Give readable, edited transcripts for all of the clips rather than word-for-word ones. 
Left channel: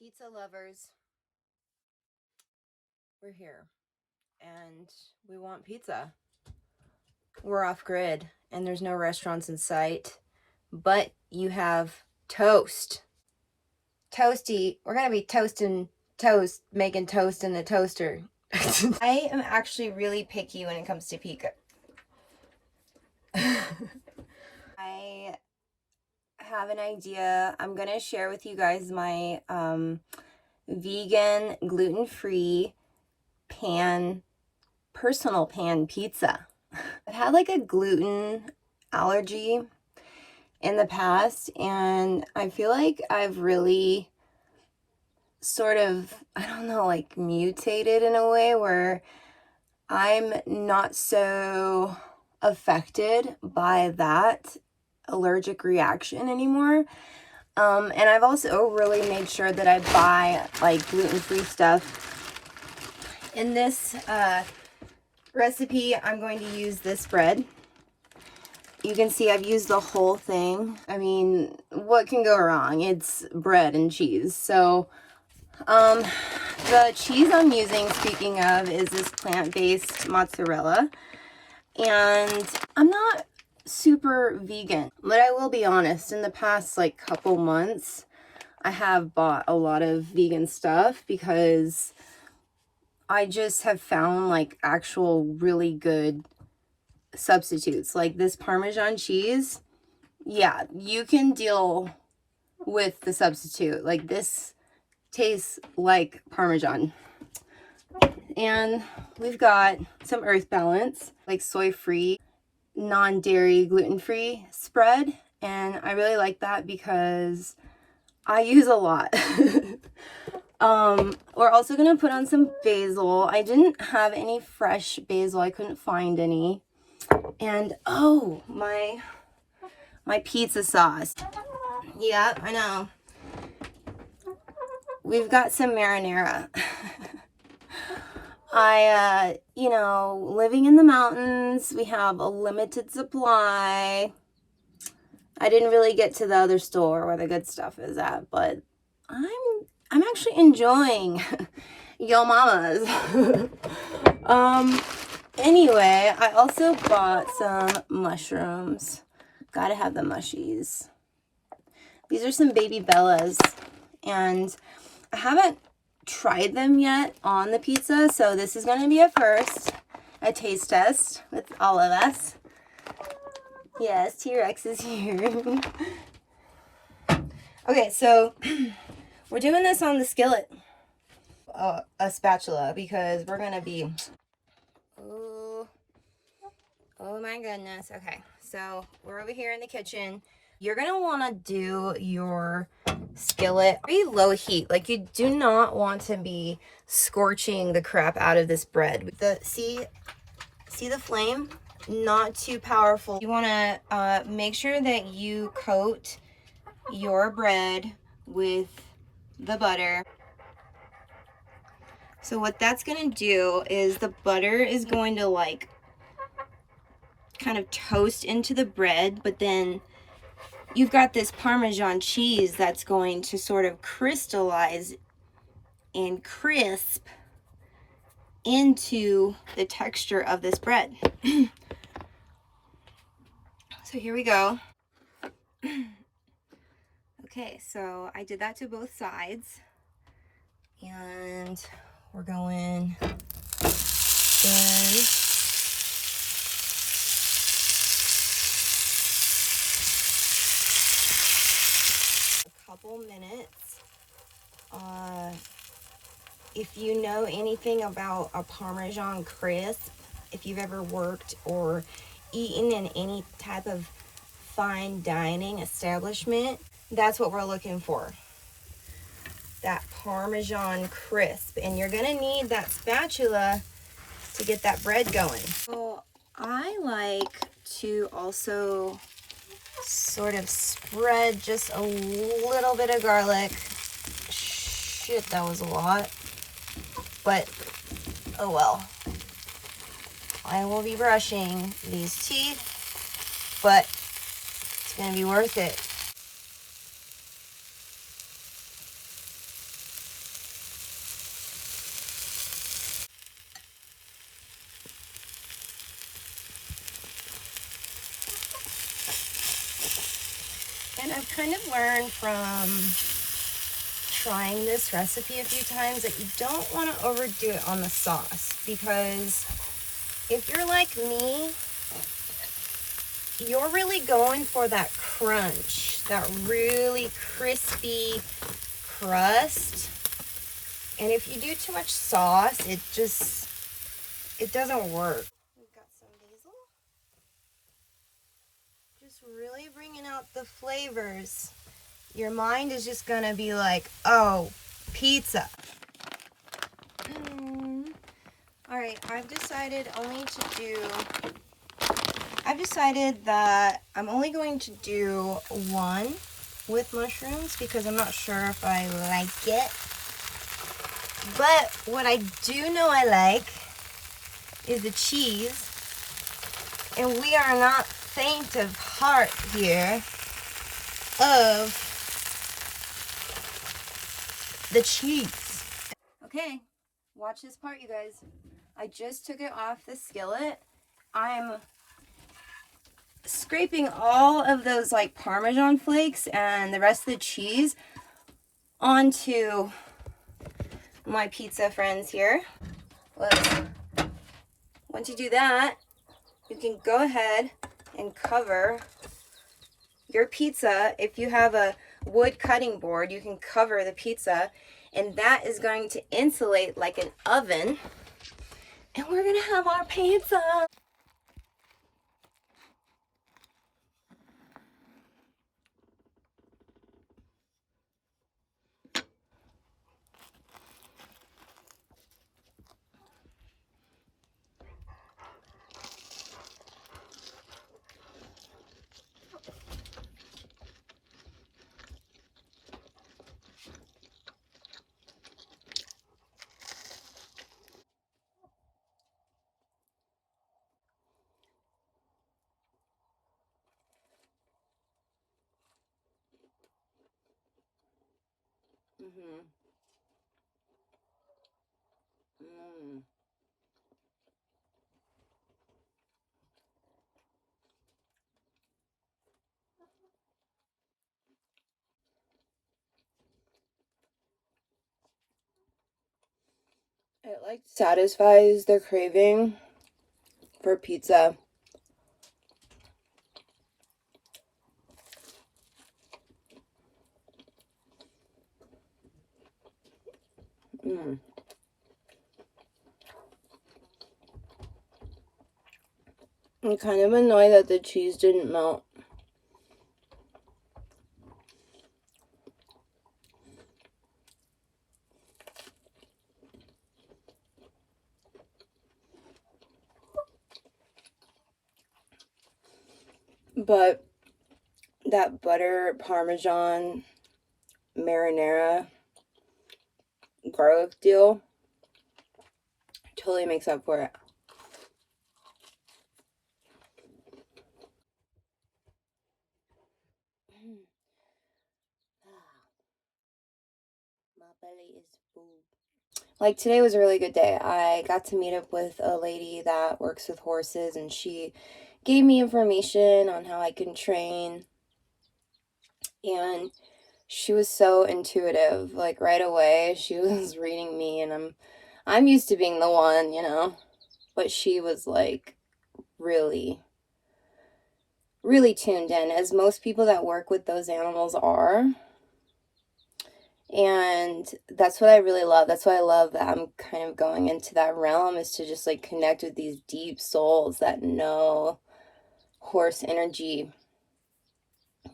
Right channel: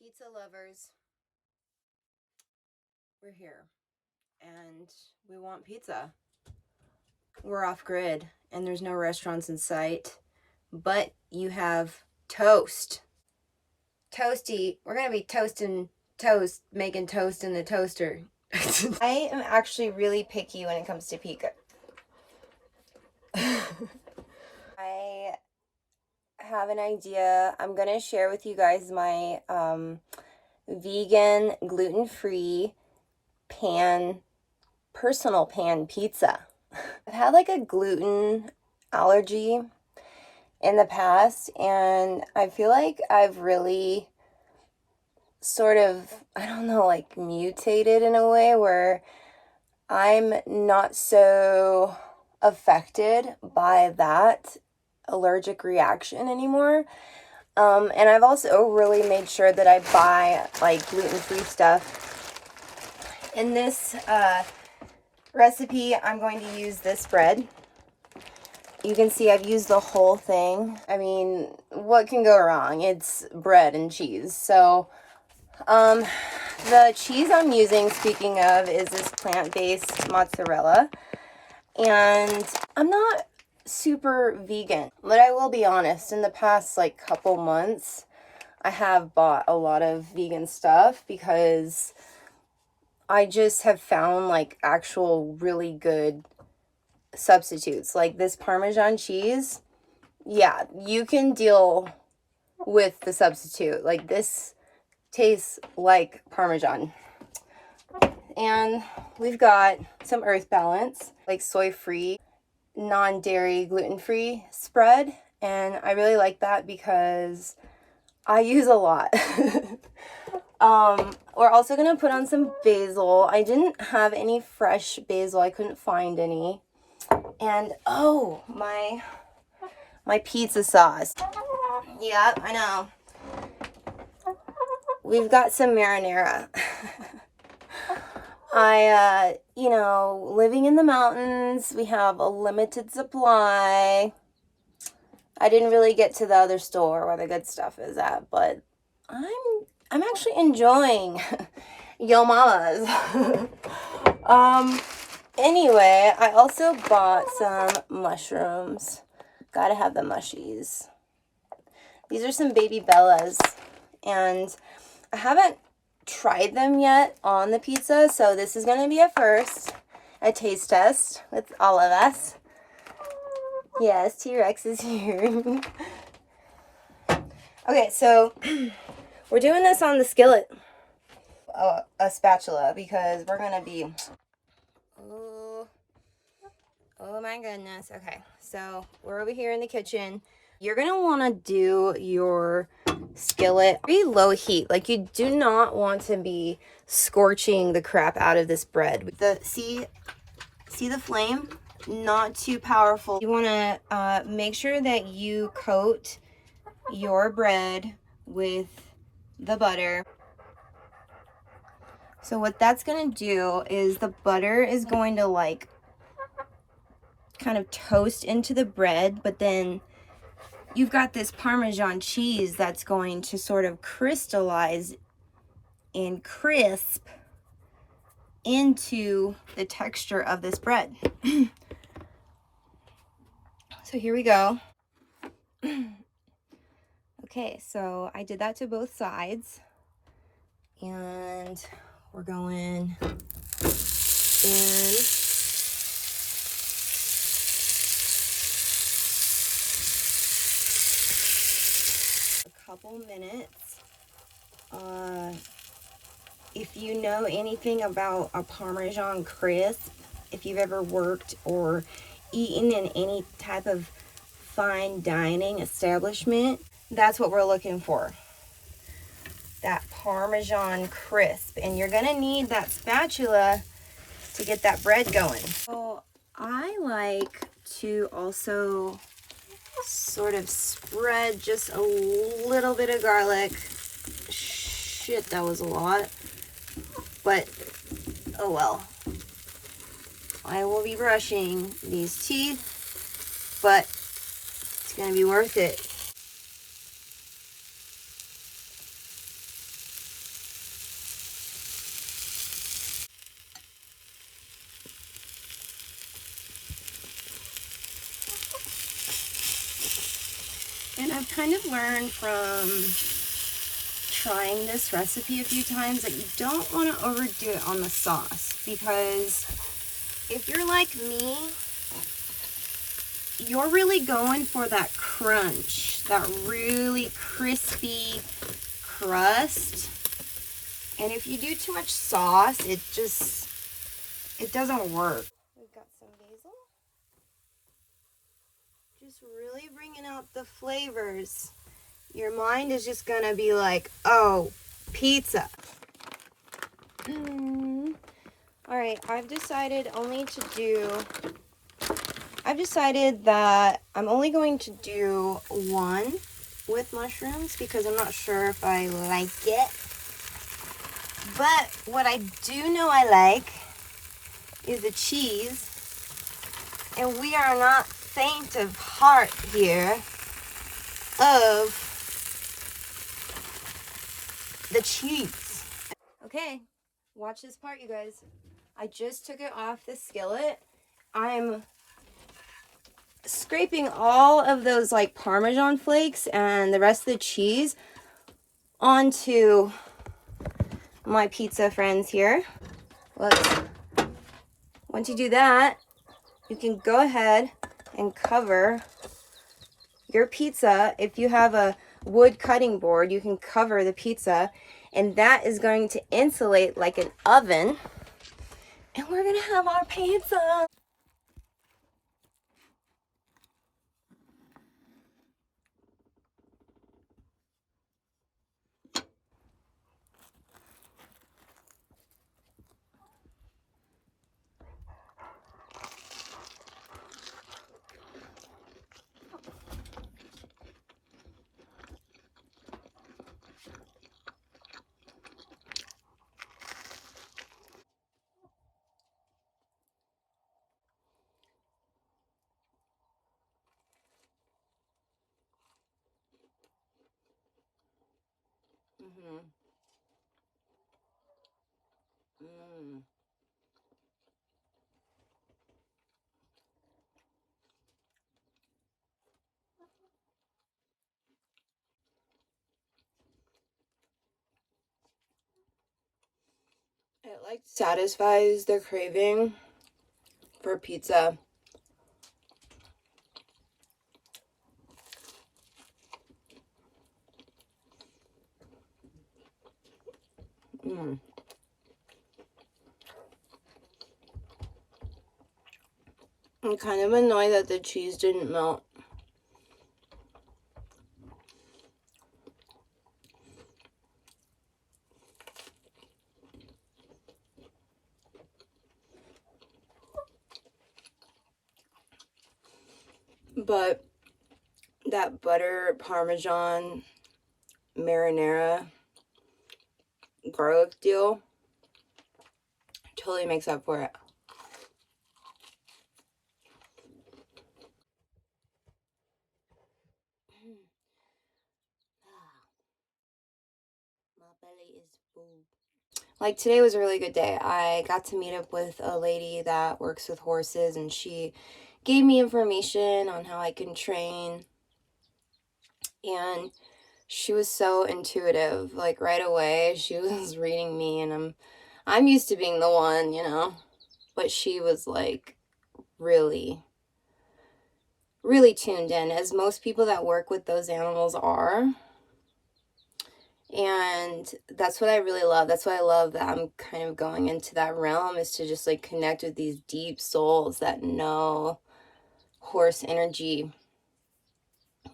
Pizza lovers, we're here and we want pizza. We're off grid and there's no restaurants in sight, but you have toast. Toasty, we're gonna be toasting toast, making toast in the toaster. I am actually really picky when it comes to pizza. I have an idea. I'm gonna share with you guys my vegan, gluten-free personal pan pizza. I've had like a gluten allergy in the past, and I feel like I've really sort of, I don't know, like mutated in a way where I'm not so affected by that allergic reaction anymore. And I've also really made sure that I buy like gluten-free stuff. In this recipe, I'm going to use this bread. You can see I've used the whole thing. I mean, what can go wrong? It's bread and cheese. So, the cheese I'm using, speaking of, is this plant-based mozzarella. And I'm not super vegan, but I will be honest, in the past like couple months, I have bought a lot of vegan stuff because I just have found like actual really good substitutes. Like this Parmesan cheese, yeah, you can deal with the substitute. Like this tastes like Parmesan. And we've got some Earth Balance, like soy-free, non-dairy, gluten-free spread. And I really like that because I use a lot. We're also gonna put on some basil. I didn't have any fresh basil. I couldn't find any. And oh, my pizza sauce. Yeah, I know. We've got some marinara. You know, living in the mountains, we have a limited supply. I didn't really get to the other store where the good stuff is at, but I'm actually enjoying Yo Mama's. Anyway, I also bought some mushrooms. Gotta have the mushies. These are some Baby Bellas, and I haven't tried them yet on the pizza, so this is going to be a taste test with all of us. Yes, T-Rex is here. Okay, so we're doing this on the skillet, a spatula, because we're going to be, oh my goodness. Okay, so we're over here in the kitchen. You're going to want to do your skillet pretty low heat. Like, you do not want to be scorching the crap out of this bread. See the flame? Not too powerful. You want to make sure that you coat your bread with the butter. So what that's going to do is the butter is going to like kind of toast into the bread, but then you've got this Parmesan cheese that's going to sort of crystallize and crisp into the texture of this bread. So here we go. Okay, so I did that to both sides, and we're going in. Couple minutes. If you know anything about a Parmesan crisp, if you've ever worked or eaten in any type of fine dining establishment, that's what we're looking for. That Parmesan crisp. And you're gonna need that spatula to get that bread going. So I like to also sort of spread just a little bit of garlic. Shit, that was a lot. But, oh well. I will be brushing these teeth, but it's going to be worth it. kind of learned from trying this recipe a few times that you don't want to overdo it on the sauce, because if you're like me, you're really going for that crunch, that really crispy crust. And if you do too much sauce, it doesn't work. We've got some basil. Just really bringing out the flavors. Your mind is just gonna be like, oh, pizza. All right, I've decided that I'm only going to do one with mushrooms because I'm not sure if I like it. But what I do know I like is the cheese. And we are not faint of heart here of the cheese. Okay, watch this part, you guys. I just took it off the skillet. I'm scraping all of those like Parmesan flakes and the rest of the cheese onto my pizza friends here. Once you do that, you can go ahead and cover your pizza. If you have a wood cutting board, you can cover the pizza, and that is going to insulate like an oven, and we're gonna have our pizza. It like satisfies the craving for pizza. I'm kind of annoyed that the cheese didn't melt. But that butter Parmesan marinara garlic deal totally makes up for it. My belly is full. Like today was a really good day. I got to meet up with a lady that works with horses, and she gave me information on how I can train. And she was so intuitive. Like right away, she was reading me, and I'm used to being the one, you know. But she was like really really tuned in, as most people that work with those animals are. And that's what I really love. That's why I love that I'm kind of going into that realm, is to just like connect with these deep souls that know horse energy,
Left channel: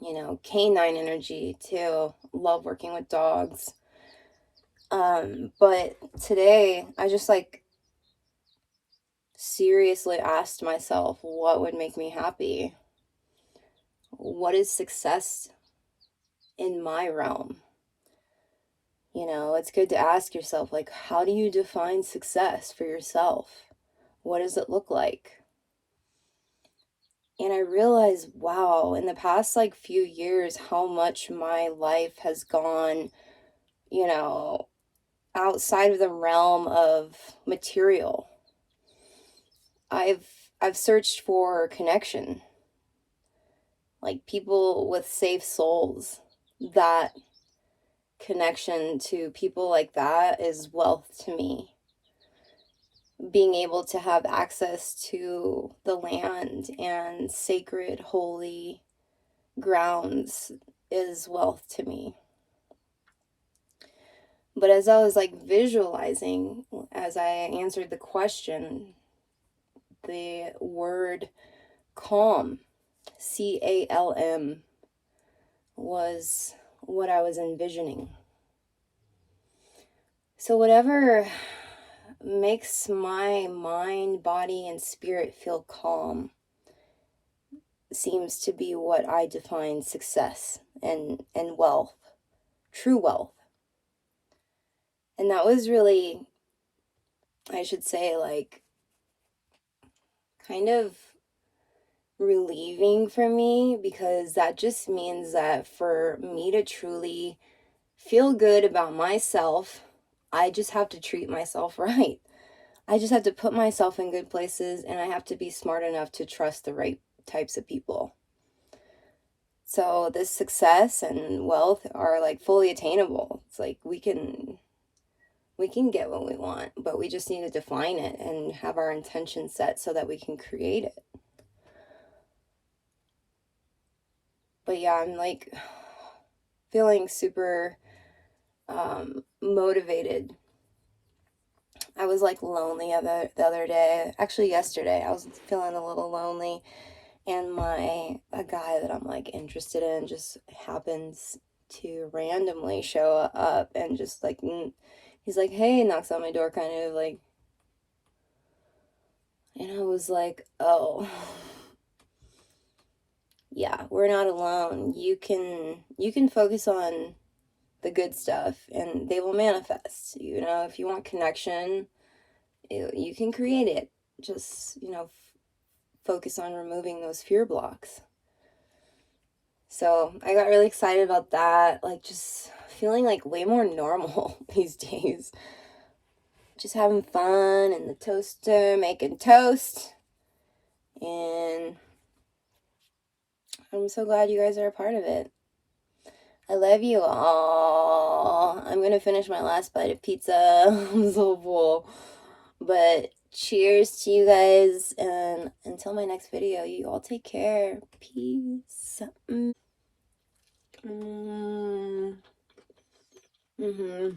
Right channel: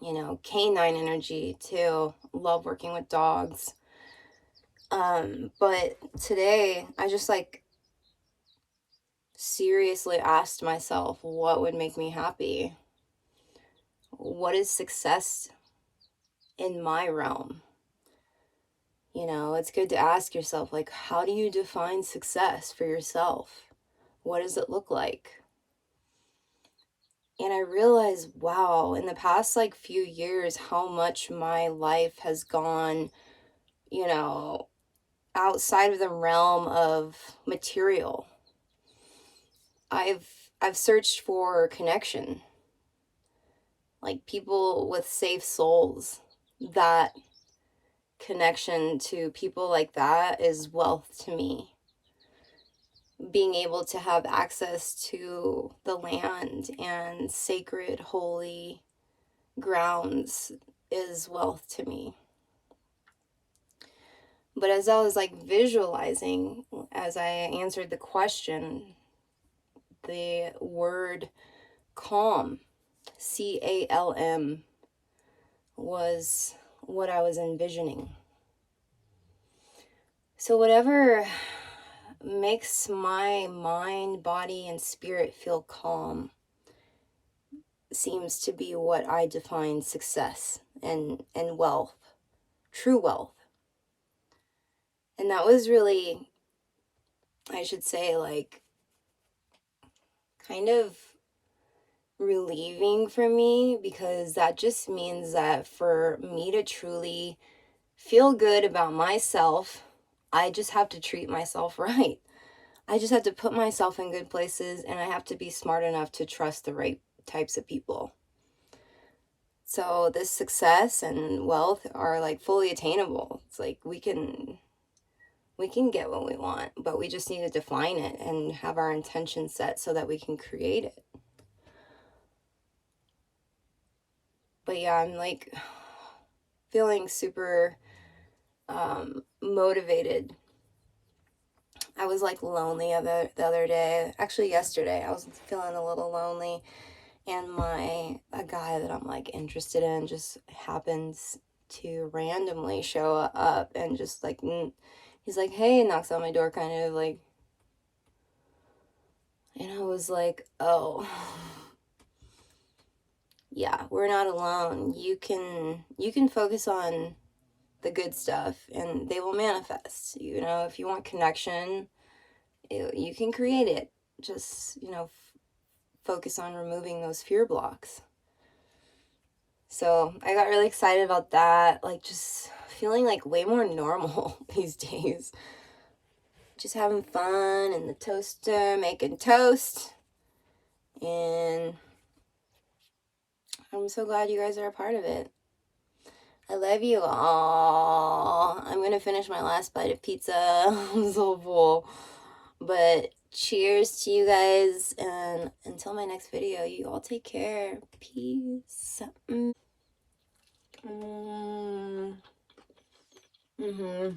you know, canine energy too. Love working with dogs. But today I just like seriously asked myself, what would make me happy? What is success in my realm? You know, it's good to ask yourself, like, how do you define success for yourself? What does it look like? And I realized, wow, in the past like few years, how much my life has gone, you know, outside of the realm of material. I've searched for connection. like people with safe souls. That connection to people like that is wealth to me. Being able to have access to the land and sacred, holy grounds is wealth to me. But as I was like visualizing, as I answered the question, the word calm, CALM, was what I was envisioning. So whatever makes my mind, body, and spirit feel calm seems to be what I define success and wealth, true wealth. And that was really, I should say, like, kind of relieving for me, because that just means that for me to truly feel good about myself, I just have to treat myself right. I just have to put myself in good places, and I have to be smart enough to trust the right types of people. So this success and wealth are like fully attainable. It's like we can get what we want, but we just need to define it and have our intention set so that we can create it. But yeah, I'm like feeling super motivated. I was like lonely the other day. Actually, yesterday I was feeling a little lonely, and a guy that I'm like interested in just happens to randomly show up and just like he's like, hey, knocks on my door, kind of like, and I was like, oh, yeah, we're not alone. You can focus on the good stuff and they will manifest. You know, if you want connection, you can create it. Just, focus on removing those fear blocks. So I got really excited about that, like just feeling like way more normal these days. Just having fun in the toaster, making toast. And I'm so glad you guys are a part of it. I love you all. I'm going to finish my last bite of pizza. I'm so full. But cheers to you guys. And until my next video, you all take care. Peace. Mm-hmm.